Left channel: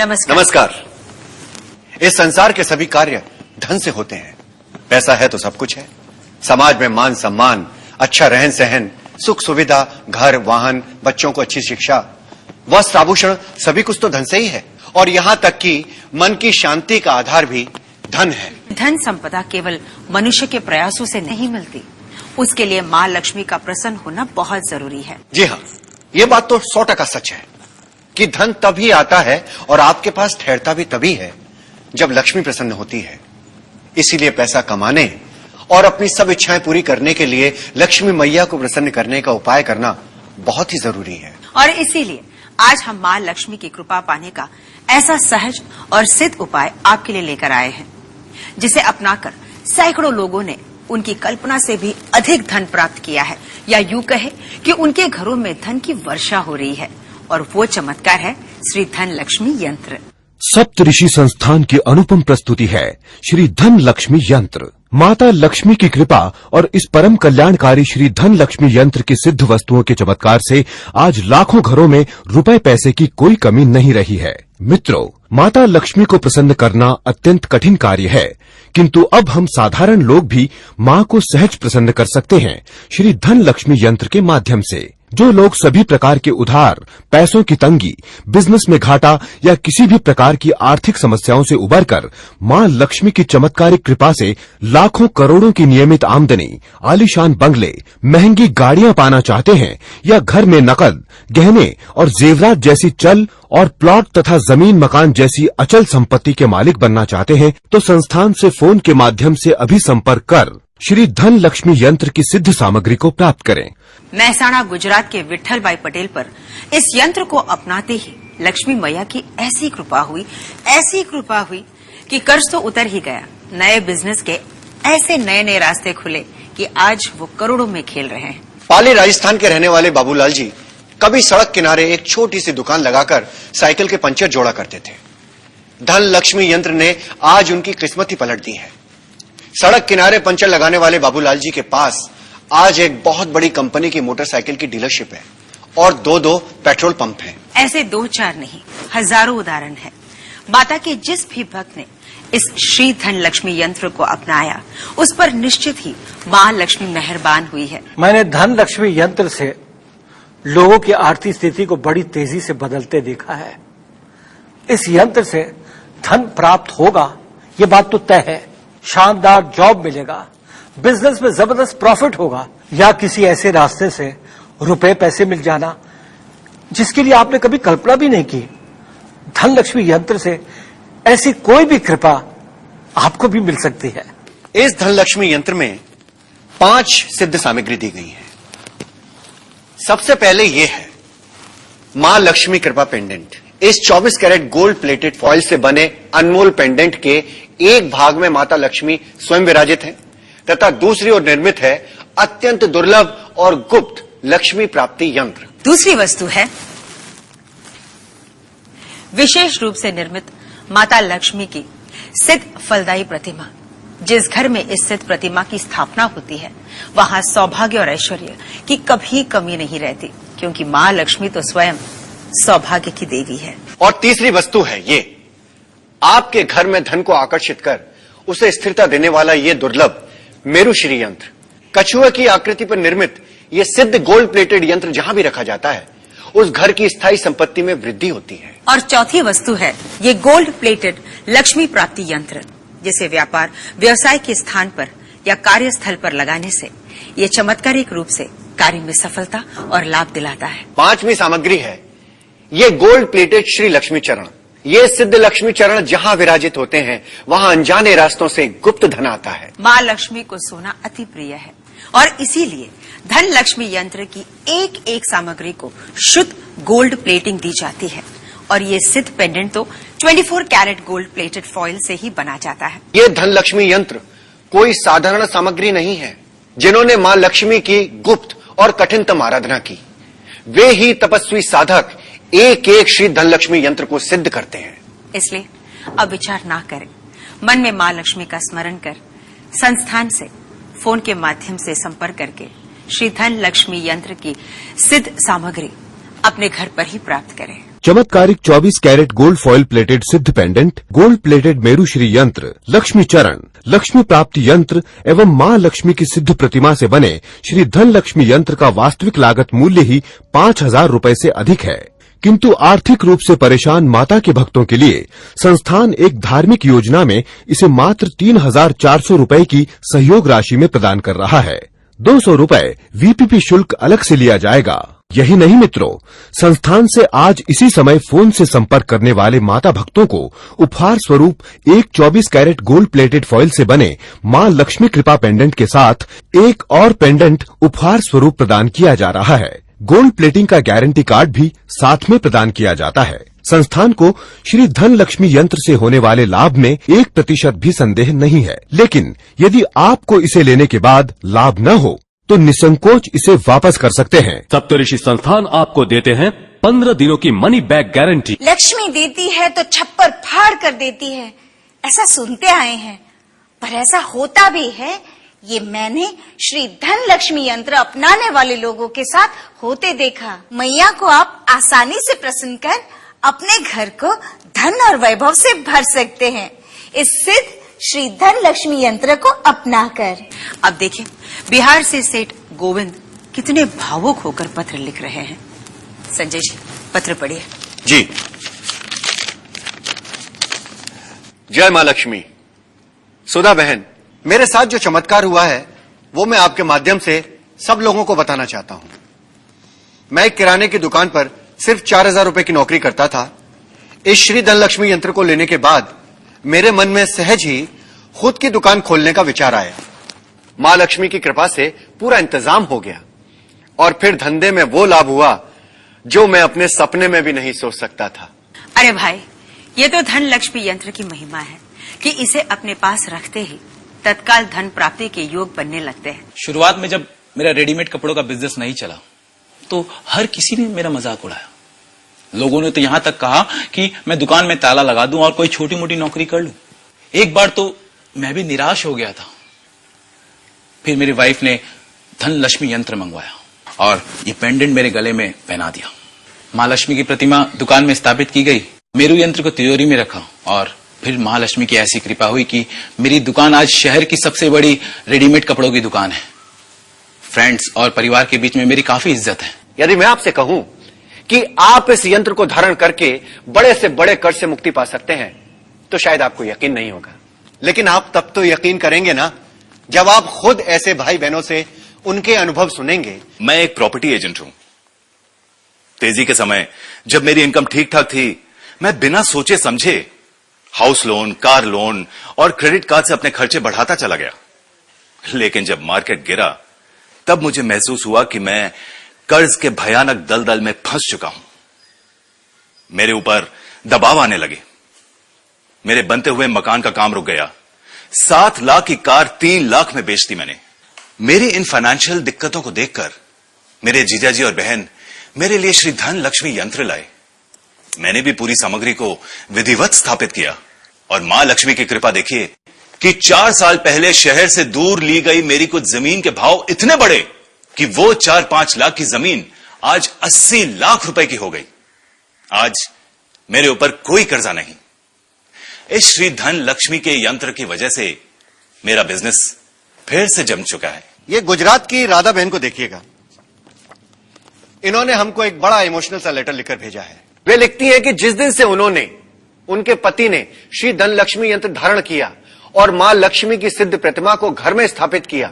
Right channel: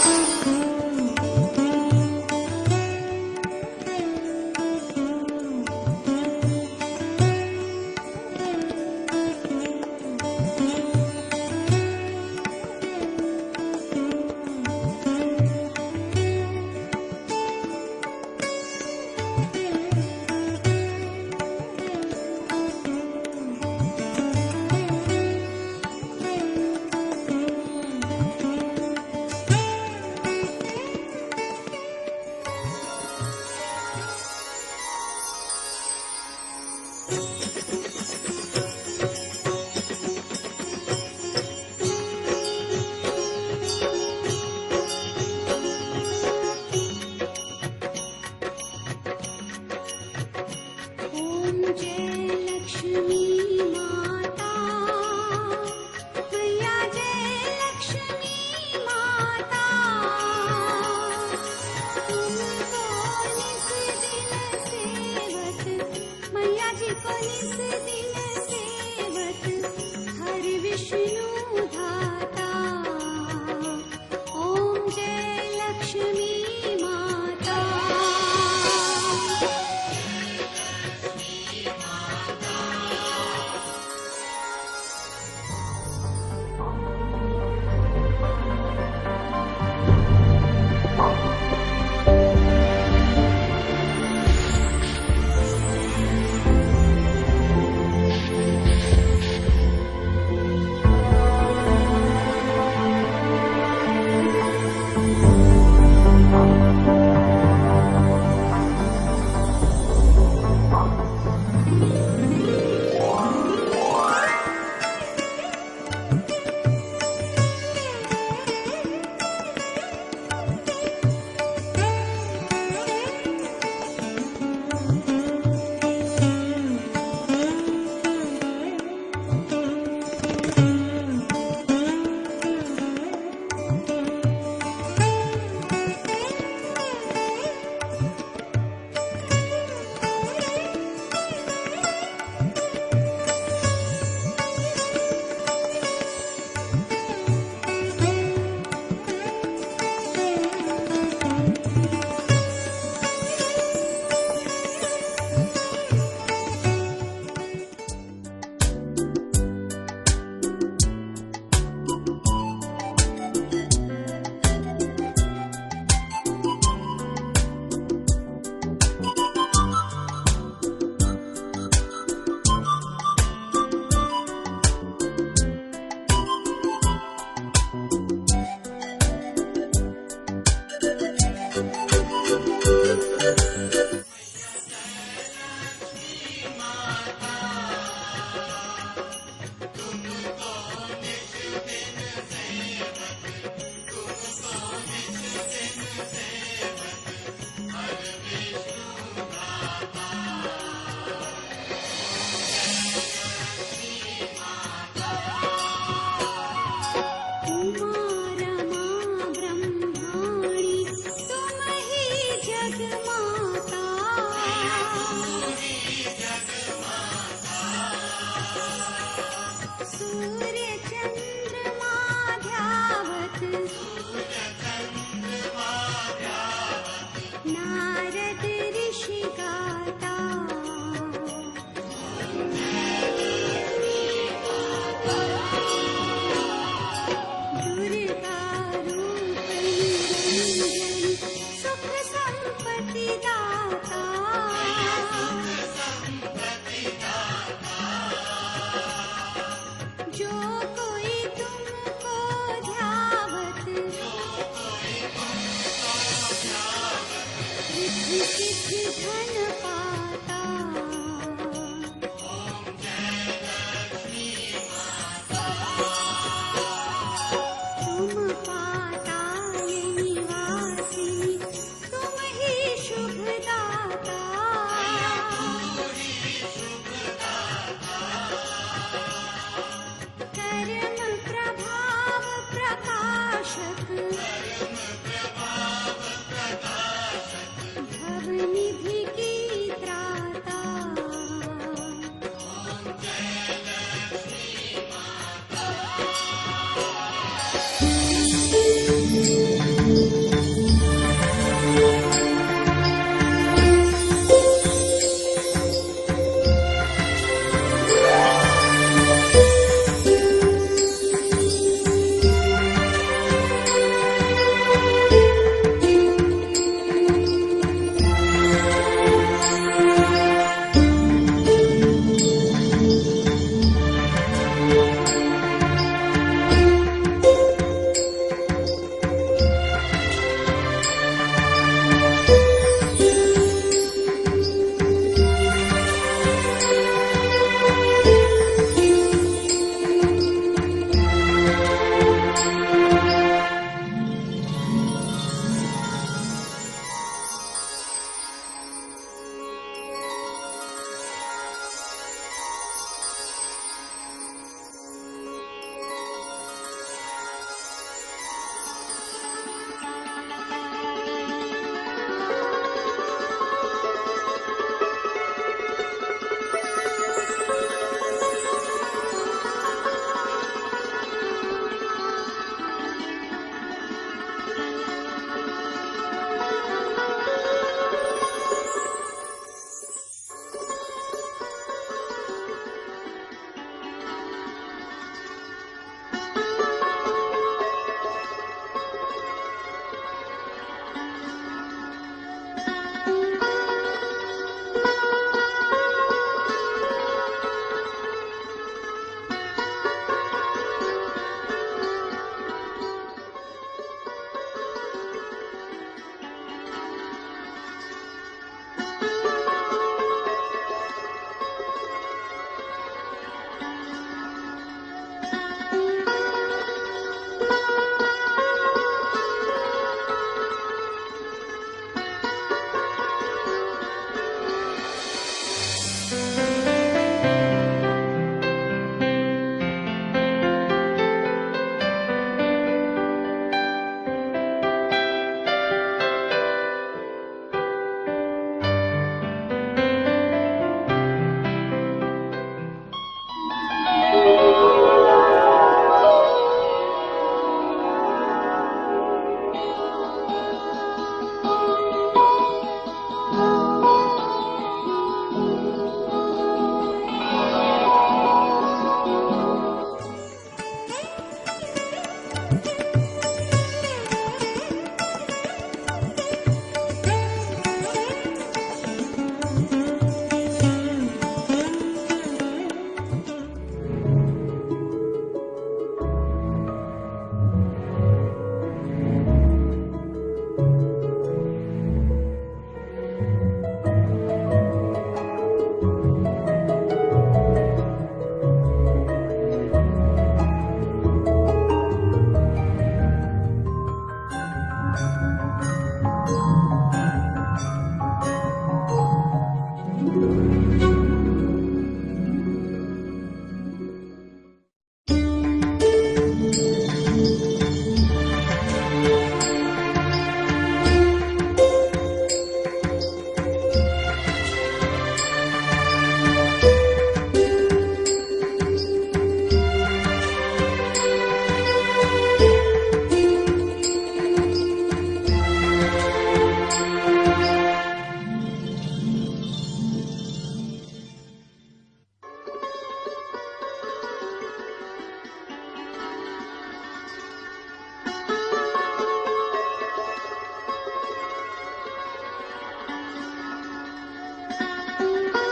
नमस्कार। नमस्कार। इस संसार के सभी कार्य धन से होते हैं। पैसा है तो सब कुछ है। समाज में मान सम्मान, अच्छा रहन सहन, सुख सुविधा, घर वाहन, बच्चों को अच्छी शिक्षा, वस्त्र आभूषण, सभी कुछ तो धन से ही है। और यहाँ तक कि मन की शांति का आधार भी धन है। धन संपदा केवल मनुष्य के प्रयासों से नहीं मिलती, उसके लिए माँ लक्ष्मी का प्रसन्न होना बहुत जरूरी है। जी हाँ, ये बात तो 100% सच है कि धन तभी आता है और आपके पास ठहरता भी तभी है जब लक्ष्मी प्रसन्न होती है। इसीलिए पैसा कमाने और अपनी सब इच्छाएं पूरी करने के लिए लक्ष्मी मैया को प्रसन्न करने का उपाय करना बहुत ही जरूरी है। और इसीलिए आज हम माँ लक्ष्मी की कृपा पाने का ऐसा सहज और सिद्ध उपाय आपके लिए लेकर आए हैं, जिसे अपनाकर सैकड़ों लोगों ने उनकी कल्पना से भी अधिक धन प्राप्त किया है, या यूं कहे कि उनके घरों में धन की वर्षा हो रही है। और वो चमत्कार है श्री धन लक्ष्मी यंत्र। सप्तऋषि संस्थान की अनुपम प्रस्तुति है श्री धन लक्ष्मी यंत्र। माता लक्ष्मी की कृपा और इस परम कल्याणकारी श्री धन लक्ष्मी यंत्र की सिद्ध वस्तुओं के चमत्कार से आज लाखों घरों में रुपए पैसे की कोई कमी नहीं रही है। मित्रों, माता लक्ष्मी को प्रसन्न करना अत्यंत कठिन कार्य है, किंतु अब हम साधारण लोग भी माँ को सहज प्रसन्न कर सकते हैं श्री धन लक्ष्मी यंत्र के माध्यम से। जो लोग सभी प्रकार के उधार, पैसों की तंगी, बिजनेस में घाटा या किसी भी प्रकार की आर्थिक समस्याओं से उबरकर माँ लक्ष्मी की चमत्कारिक कृपा से लाखों करोड़ों की नियमित आमदनी, आलीशान बंगले, महंगी गाड़ियाँ पाना चाहते हैं, या घर में नकद, गहने और जेवरात जैसी चल और प्लॉट तथा जमीन मकान जैसी अचल संपत्ति के मालिक बनना चाहते हैं, तो संस्थान से फोन के माध्यम से अभी संपर्क कर श्री धन लक्ष्मी यंत्र की सिद्ध सामग्री को प्राप्त करें। महसाणा गुजरात के विठल भाई पटेल पर इस यंत्र को अपनाते ही लक्ष्मी मैया की ऐसी कृपा हुई कि कर्ज तो उतर ही गया, नए बिजनेस के ऐसे नए नए रास्ते खुले कि आज वो करोड़ों में खेल रहे हैं। पाली राजस्थान के रहने वाले बाबूलाल जी कभी सड़क किनारे एक छोटी सी दुकान लगाकर साइकिल के पंचर जोड़ा करते थे। धन लक्ष्मी यंत्र ने आज उनकी किस्मत ही पलट दी है। सड़क किनारे पंचर लगाने वाले बाबूलाल जी के पास आज एक बहुत बड़ी कंपनी की मोटरसाइकिल की डीलरशिप है और दो पेट्रोल पंप है। ऐसे 2-4 नहीं, हजारों उदाहरण हैं। माता के जिस भी भक्त ने इस श्री धन लक्ष्मी यंत्र को अपनाया, उस पर निश्चित ही माँ लक्ष्मी मेहरबान हुई है। मैंने धन लक्ष्मी यंत्र से लोगों की आर्थिक स्थिति को बड़ी तेजी से बदलते देखा है। इस यंत्र से धन प्राप्त होगा, ये बात तो तय है। शानदार जॉब मिलेगा, बिजनेस में जबरदस्त प्रॉफिट होगा, या किसी ऐसे रास्ते से रुपए पैसे मिल जाना जिसके लिए आपने कभी कल्पना भी नहीं की। धन लक्ष्मी यंत्र से ऐसी कोई भी कृपा आपको भी मिल सकती है। इस धन लक्ष्मी यंत्र में 5 सिद्ध सामग्री दी गई है। सबसे पहले ये है माँ लक्ष्मी कृपा पेंडेंट। इस 24 कैरेट गोल्ड प्लेटेड फॉइल से बने अनमोल पेंडेंट के एक भाग में माता लक्ष्मी स्वयं विराजित है, तथा दूसरी ओर निर्मित है अत्यंत दुर्लभ और गुप्त लक्ष्मी प्राप्ति यंत्र। दूसरी वस्तु है विशेष रूप से निर्मित माता लक्ष्मी की सिद्ध फलदायी प्रतिमा। जिस घर में इस सिद्ध प्रतिमा की स्थापना होती है, वहाँ सौभाग्य और ऐश्वर्य की कभी कमी नहीं रहती, क्योंकि माँ लक्ष्मी तो स्वयं सौभाग्य की देवी है। और तीसरी वस्तु है ये आपके घर में धन को आकर्षित कर उसे स्थिरता देने वाला ये दुर्लभ मेरुश्री यंत्र। कछुए की आकृति पर निर्मित ये सिद्ध गोल्ड प्लेटेड यंत्र जहाँ भी रखा जाता है, उस घर की स्थायी संपत्ति में वृद्धि होती है। और चौथी वस्तु है ये गोल्ड प्लेटेड लक्ष्मी प्राप्ति यंत्र, जिसे व्यापार व्यवसाय के स्थान पर या कार्यस्थल पर लगाने से ये चमत्कारिक रूप से कार्य में सफलता और लाभ दिलाता है। 5वीं सामग्री है ये गोल्ड प्लेटेड श्री लक्ष्मी चरण। ये सिद्ध लक्ष्मी चरण जहाँ विराजित होते हैं, वहाँ अनजाने रास्तों से गुप्त धन आता है। माँ लक्ष्मी को सोना अति प्रिय है और इसीलिए धन लक्ष्मी यंत्र की एक एक सामग्री को शुद्ध गोल्ड प्लेटिंग दी जाती है। और ये सिद्ध पेंडेंट तो 24 कैरेट गोल्ड प्लेटेड फॉइल से ही बना जाता है। ये धन लक्ष्मी यंत्र कोई साधारण सामग्री नहीं है। जिन्होंने माँ लक्ष्मी की गुप्त और कठिनतम आराधना की, वे ही तपस्वी साधक एक एक श्री धन लक्ष्मी यंत्र को सिद्ध करते हैं। इसलिए अब विचार ना करें, मन में माँ लक्ष्मी का स्मरण कर संस्थान से फोन के माध्यम से संपर्क करके श्री धन लक्ष्मी यंत्र की सिद्ध सामग्री अपने घर पर ही प्राप्त करें। चमत्कारिक 24 कैरेट गोल्ड फॉइल प्लेटेड सिद्ध pendant, gold plated Meru Shri यंत्र, लक्ष्मी चरण, लक्ष्मी प्राप्ति यंत्र एवं माँ लक्ष्मी की सिद्ध प्रतिमा से बने श्री धन लक्ष्मी यंत्र का वास्तविक लागत मूल्य ही 5,000 रूपए से अधिक है। किंतु आर्थिक रूप से परेशान माता के भक्तों के लिए संस्थान एक धार्मिक योजना में इसे मात्र 3,400 रूपए की सहयोग राशि में प्रदान कर रहा है। 200 रूपए VPP शुल्क अलग से लिया जाएगा। यही नहीं मित्रों, संस्थान से आज इसी समय फोन से संपर्क करने वाले माता भक्तों को उपहार स्वरूप एक 24 कैरेट गोल्ड प्लेटेड फॉइल से बने माँ लक्ष्मी कृपा पेंडेंट के साथ एक और पेंडेंट उपहार स्वरूप प्रदान किया जा रहा है। गोल्ड प्लेटिंग का गारंटी कार्ड भी साथ में प्रदान किया जाता है। संस्थान को श्री धन लक्ष्मी यंत्र से होने वाले लाभ में 1% भी संदेह नहीं है, लेकिन यदि आपको इसे लेने के बाद लाभ न हो तो निसंकोच इसे वापस कर सकते हैं। सप्तऋषि संस्थान आपको देते हैं 15 दिनों की मनी बैक गारंटी। लक्ष्मी देती है तो छप्पर फाड़ कर देती है, ऐसा सुनते आए हैं, पर ऐसा होता भी है। ये मैंने श्री धन लक्ष्मी यंत्र अपनाने वाले लोगों के साथ होते देखा। मैया को आप आसानी से प्रसन्न कर अपने घर को धन और वैभव से भर सकते हैं इस सिद्ध श्री धन लक्ष्मी यंत्र को अपनाकर। अब देखिए, बिहार से सेठ गोविंद कितने भावुक होकर पत्र लिख रहे हैं। संजय जी, पत्र पढ़िए। जी। जय माँ लक्ष्मी। सुधा बहन, मेरे साथ जो चमत्कार हुआ है वो मैं आपके माध्यम से सब लोगों को बताना चाहता हूँ। मैं एक किराने की दुकान पर सिर्फ 4,000 रुपए की नौकरी करता था। इस श्री धन लक्ष्मी यंत्र को लेने के बाद मेरे मन में सहज ही खुद की दुकान खोलने का विचार आया। माँ लक्ष्मी की कृपा से पूरा इंतजाम हो गया और फिर धंधे में वो लाभ हुआ जो मैं अपने सपने में भी नहीं सोच सकता था। अरे भाई, ये तो धन लक्ष्मी यंत्र की महिमा है कि इसे अपने पास रखते ही तत्काल धन प्राप्ति के योग बनने लगते हैं। शुरुआत में जब मेरा रेडीमेड कपड़ों का बिजनेस नहीं चला तो हर किसी ने मेरा मजाक उड़ाया। लोगों ने तो यहाँ तक कहा कि मैं दुकान में ताला लगा दूं और कोई छोटी मोटी नौकरी कर लूं। एक बार तो मैं भी निराश हो गया था। फिर मेरी वाइफ ने धन लक्ष्मी यंत्र मंगवाया और ये पेंडेंट मेरे गले में पहना दिया। माँ लक्ष्मी की प्रतिमा दुकान में स्थापित की गई। मेरू यंत्र को तिजोरी में रखा और फिर महालक्ष्मी की ऐसी कृपा हुई कि मेरी दुकान आज शहर की सबसे बड़ी रेडीमेड कपड़ों की दुकान है। फ्रेंड्स और परिवार के बीच में मेरी काफी इज्जत है। यदि मैं आपसे कहूं कि आप इस यंत्र को धारण करके बड़े से बड़े कर्ज से मुक्ति पा सकते हैं तो शायद आपको यकीन नहीं होगा, लेकिन आप तब तो यकीन करेंगे ना जब आप खुद ऐसे भाई बहनों से उनके अनुभव सुनेंगे। मैं एक प्रॉपर्टी एजेंट हूं। तेजी के समय जब मेरी इनकम ठीक ठाक थी, मैं बिना सोचे समझे हाउस लोन, कार लोन और क्रेडिट कार्ड से अपने खर्चे बढ़ाता चला गया। लेकिन जब मार्केट गिरा तब मुझे महसूस हुआ कि मैं कर्ज के भयानक दलदल में फंस चुका हूं। मेरे ऊपर दबाव आने लगे। मेरे बनते हुए मकान का काम रुक गया। 7 लाख की कार 3 लाख में बेच दी मैंने। मेरी इन फाइनेंशियल दिक्कतों को देखकर मेरे जीजाजी और बहन मेरे लिए श्री धन लक्ष्मी यंत्र लाए। मैंने भी पूरी सामग्री को विधिवत स्थापित किया और मां लक्ष्मी की कृपा देखिए कि 4 साल पहले शहर से दूर ली गई मेरी कुछ जमीन के भाव इतने बढ़े कि वो 4-5 लाख की जमीन आज 80 लाख रुपए की हो गई। आज मेरे ऊपर कोई कर्जा नहीं। इस श्री धन लक्ष्मी के यंत्र की वजह से मेरा बिजनेस फिर से जम चुका है। ये गुजरात की राधा बहन को देखिएगा। इन्होंने हमको एक बड़ा इमोशनल सा लेटर लिखकर भेजा है। वे लिखती हैं कि जिस दिन से उनके पति ने श्री धन लक्ष्मी यंत्र धारण किया और मां लक्ष्मी की सिद्ध प्रतिमा को घर में स्थापित किया,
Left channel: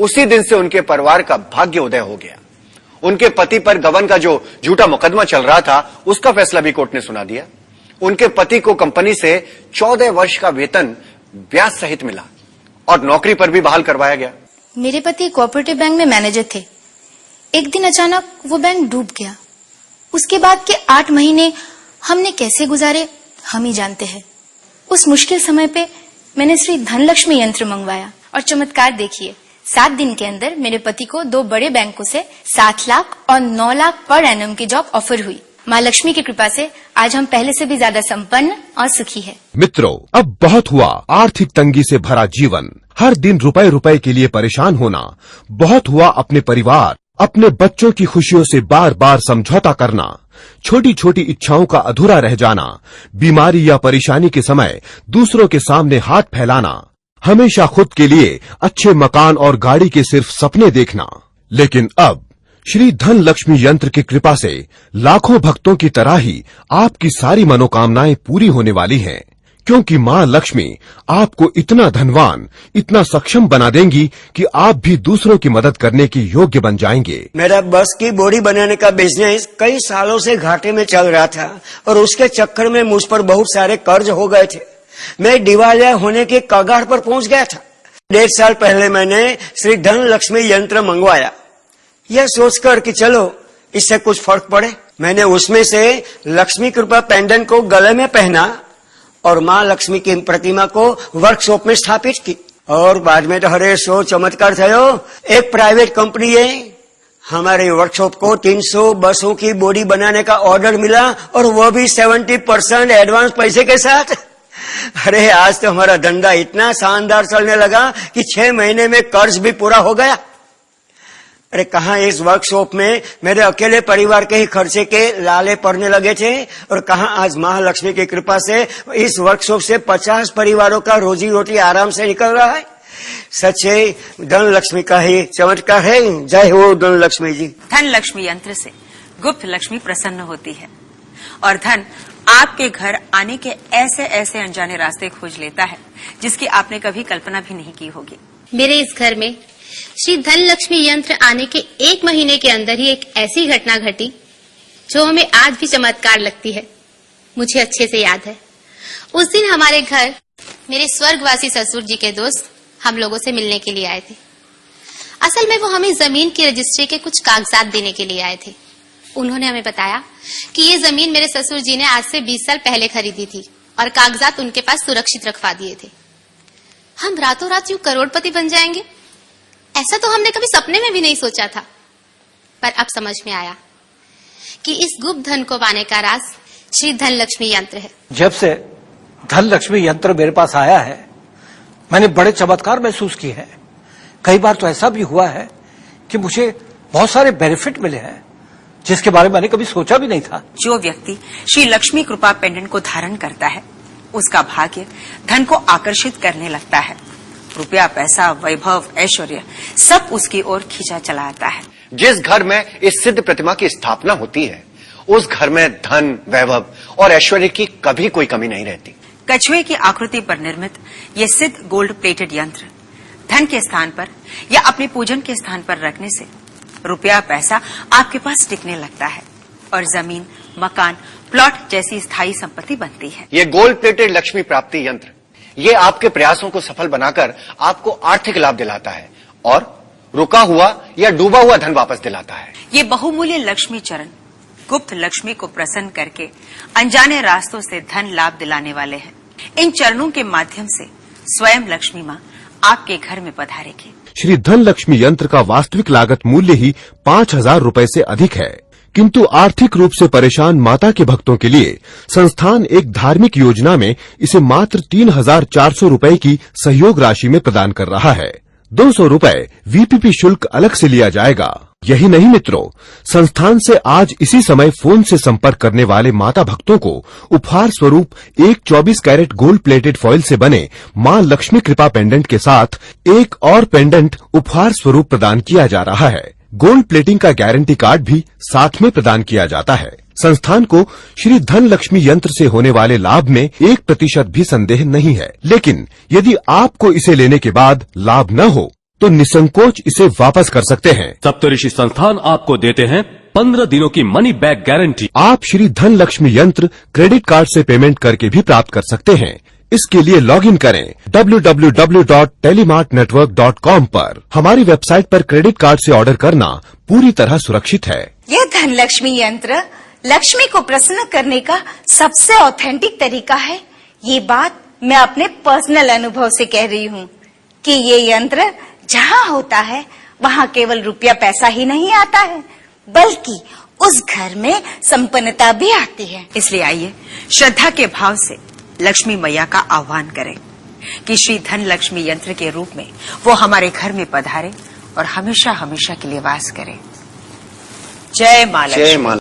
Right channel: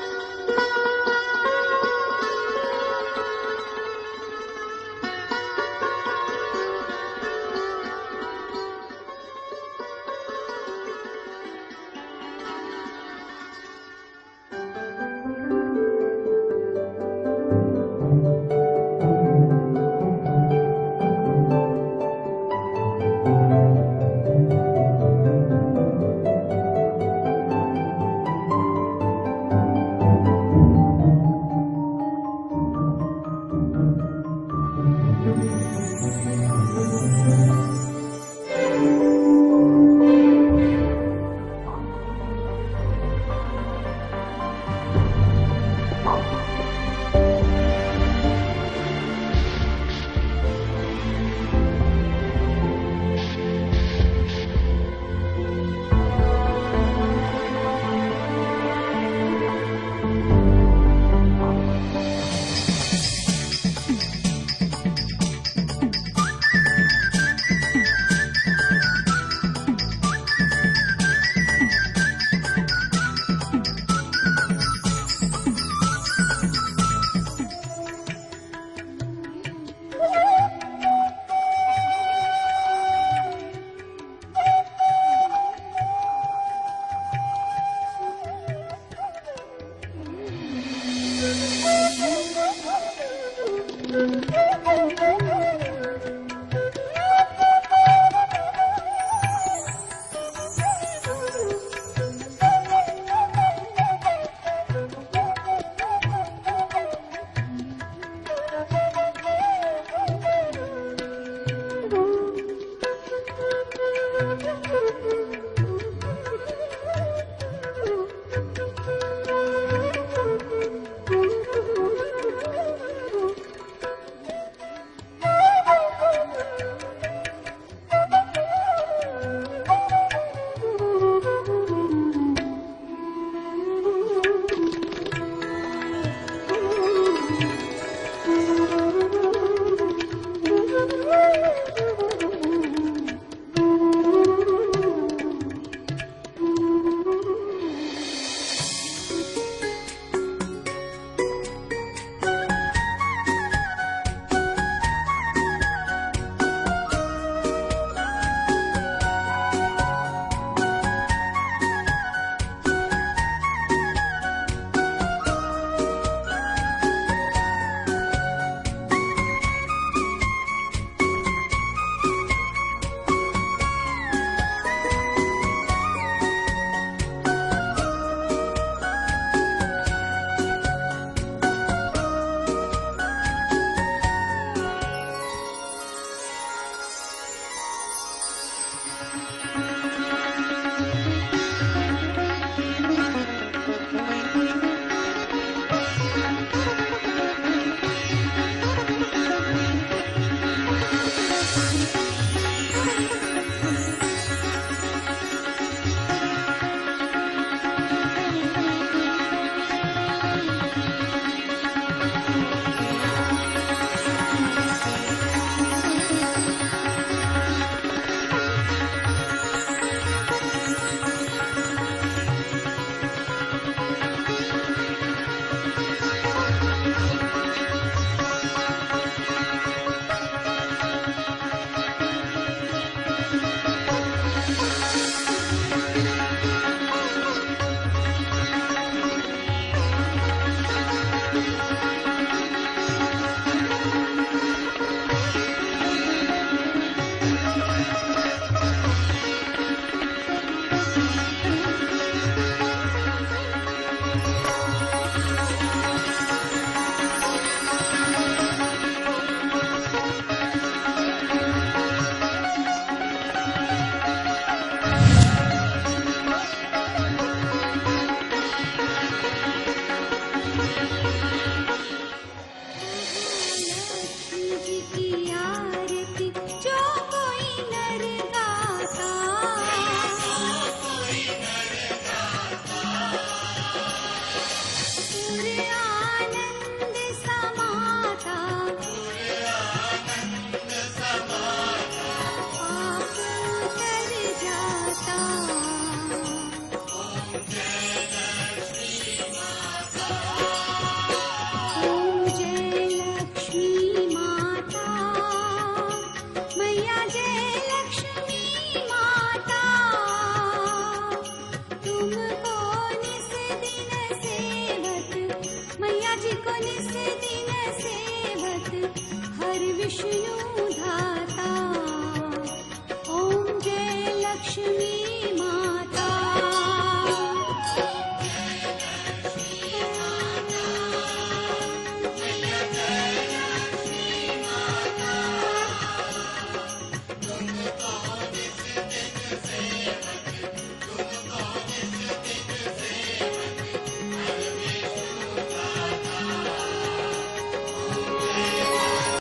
उसी दिन से उनके परिवार का भाग्य उदय हो गया। उनके पति पर गबन का जो झूठा मुकदमा चल रहा था, उसका फैसला भी कोर्ट ने सुना दिया। उनके पति को कंपनी से 14 वर्ष का वेतन ब्याज सहित मिला और नौकरी पर भी बहाल करवाया गया। मेरे पति कोऑपरेटिव बैंक में मैनेजर थे। एक दिन अचानक वो बैंक डूब गया। उसके बाद के 8 महीने हमने कैसे गुजारे हम ही जानते हैं। उस मुश्किल समय पे मैंने श्री धन लक्ष्मी यंत्र मंगवाया और चमत्कार देखिए, 7 दिन के अंदर मेरे पति को 2 बड़े बैंकों से 7 लाख और 9 लाख पर एनम की जॉब ऑफर हुई। माँ लक्ष्मी की कृपा से आज हम पहले से भी ज्यादा संपन्न और सुखी हैं। मित्रों, अब बहुत हुआ आर्थिक तंगी से भरा जीवन। हर दिन रुपए रुपए के लिए परेशान होना, बहुत हुआ अपने परिवार, अपने बच्चों की खुशियों से बार बार समझौता करना, छोटी छोटी इच्छाओं का अधूरा रह जाना, बीमारी या परेशानी के समय दूसरों के सामने हाथ फैलाना, हमेशा खुद के लिए अच्छे मकान और गाड़ी के सिर्फ सपने देखना। लेकिन अब श्री धन लक्ष्मी यंत्र की कृपा से लाखों भक्तों की तरह ही आपकी सारी मनोकामनाएं पूरी होने वाली हैं, क्योंकि माँ लक्ष्मी आपको इतना धनवान, इतना सक्षम बना देंगी कि आप भी दूसरों की मदद करने की योग्य बन जाएंगे। मेरा बस की बॉडी बनाने का बिजनेस कई सालों से घाटे में चल रहा था और उसके चक्कर में मुझ पर बहुत सारे कर्ज हो गए थे। मैं दिवालिया होने के कगार पर पहुंच गया था। 1.5 साल पहले मैंने श्री धन लक्ष्मी यंत्र मंगवाया, यह सोचकर कि चलो इससे कुछ फर्क पड़े। मैंने उसमें से लक्ष्मी कृपा पेंडेंट को गले में पहना और माँ लक्ष्मी की प्रतिमा को वर्कशॉप में स्थापित की और बाद में तो हरे सो चमत्कार थयो। एक प्राइवेट कंपनी है, हमारे वर्कशॉप को 300 बसों की बॉडी बनाने का ऑर्डर मिला और वो भी 70% एडवांस पैसे के साथ। अरे आज तो हमारा धंधा इतना शानदार चलने लगा कि 6 महीने में कर्ज भी पूरा हो गया। अरे कहाँ इस वर्कशॉप में मेरे अकेले परिवार के ही खर्चे के लाले पड़ने लगे थे और कहाँ आज महालक्ष्मी की कृपा से इस वर्कशॉप से 50 परिवारों का रोजी रोटी आराम से निकल रहा है। सच्चे धन लक्ष्मी का ही चमत्कार है। जय हो धन लक्ष्मी जी। धन लक्ष्मी यंत्र से गुप्त लक्ष्मी प्रसन्न होती है और धन आपके घर आने के ऐसे ऐसे अनजाने रास्ते खोज लेता है जिसकी आपने कभी कल्पना भी नहीं की होगी। मेरे इस घर में श्री धन लक्ष्मी यंत्र आने के 1 महीने के अंदर ही एक ऐसी घटना घटी जो हमें आज भी चमत्कार लगती है। मुझे अच्छे से याद है, उस दिन हमारे घर मेरे स्वर्गवासी ससुर जी के दोस्त हम लोगों से मिलने के लिए आए थे। असल में वो हमें जमीन की रजिस्ट्री के कुछ कागजात देने के लिए आए थे। उन्होंने हमें बताया कि ये जमीन मेरे ससुर जी ने आज से 20 साल पहले खरीदी थी और कागजात उनके पास सुरक्षित रखवा दिए थे। हम रातों रात यूं करोड़पति बन जाएंगे, ऐसा तो हमने कभी सपने में भी नहीं सोचा था। पर अब समझ में आया कि इस गुप्त धन को पाने का राज श्री धन लक्ष्मी यंत्र है। जब से धन लक्ष्मी यंत्र मेरे पास आया है, मैंने बड़े चमत्कार महसूस किए हैं। कई बार तो ऐसा भी हुआ है कि मुझे बहुत सारे बेनिफिट मिले हैं जिसके बारे में मैंने कभी सोचा भी नहीं था। जो व्यक्ति श्री लक्ष्मी कृपा पेंडेंट को धारण करता है उसका भाग्य धन को आकर्षित करने लगता है। रुपया, पैसा, वैभव, ऐश्वर्य सब उसकी ओर खींचा चला आता है। जिस घर में इस सिद्ध प्रतिमा की स्थापना होती है उस घर में धन, वैभव और ऐश्वर्य की कभी कोई कमी नहीं रहती। कछुए की आकृति पर निर्मित ये सिद्ध गोल्ड प्लेटेड यंत्र धन के स्थान पर या अपने पूजन के स्थान पर रखने से रुपया, पैसा आपके पास टिकने लगता है और जमीन, मकान, प्लॉट जैसी स्थायी संपत्ति बनती है। ये गोल्ड प्लेटेड लक्ष्मी प्राप्ति यंत्र ये आपके प्रयासों को सफल बनाकर आपको आर्थिक लाभ दिलाता है और रुका हुआ या डूबा हुआ धन वापस दिलाता है। ये बहुमूल्य लक्ष्मी चरण गुप्त लक्ष्मी को प्रसन्न करके अनजाने रास्तों से धन लाभ दिलाने वाले हैं। इन चरणों के माध्यम से स्वयं लक्ष्मी माँ आपके घर में पधारेगी। श्री धन लक्ष्मी यंत्र का वास्तविक लागत मूल्य ही 5,000 रुपए से अधिक है, किंतु आर्थिक रूप से परेशान माता के भक्तों के लिए संस्थान एक धार्मिक योजना में इसे मात्र 3,400 रुपए की सहयोग राशि में प्रदान कर रहा है। 200 रुपए वीपीपी शुल्क अलग से लिया जाएगा। यही नहीं मित्रों, संस्थान से आज इसी समय फोन से संपर्क करने वाले माता भक्तों को उपहार स्वरूप एक 24 कैरेट गोल्ड प्लेटेड फॉइल से बने माँ लक्ष्मी कृपा पेंडेंट के साथ एक और पेंडेंट उपहार स्वरूप प्रदान किया जा रहा है। गोल्ड प्लेटिंग का गारंटी कार्ड भी साथ में प्रदान किया जाता है। संस्थान को श्री धन लक्ष्मी यंत्र से होने वाले लाभ में 1% भी संदेह नहीं है, लेकिन यदि आपको इसे लेने के बाद लाभ न हो तो निसंकोच इसे वापस कर सकते हैं। सप्तऋषि संस्थान आपको देते हैं 15 दिनों की मनी बैक गारंटी। आप श्री धन लक्ष्मी यंत्र क्रेडिट कार्ड से पेमेंट करके भी प्राप्त कर सकते हैं। इसके लिए लॉगिन करें www.telemartnetwork.com पर। हमारी वेबसाइट पर क्रेडिट कार्ड से ऑर्डर करना पूरी तरह सुरक्षित है। यह धन लक्ष्मी यंत्र लक्ष्मी को प्रसन्न करने का सबसे ऑथेंटिक तरीका है। ये बात मैं अपने पर्सनल अनुभव से कह रही हूँ कि ये यंत्र जहाँ होता है वहाँ केवल रुपया पैसा ही नहीं आता है, बल्कि उस घर में संपन्नता भी आती है। इसलिए आइए श्रद्धा के भाव से लक्ष्मी मैया का आह्वान करें कि श्री धन लक्ष्मी यंत्र के रूप में वो हमारे घर में पधारे और हमेशा हमेशा के लिए वास करे। जय मां लक्ष्मी। जय मां।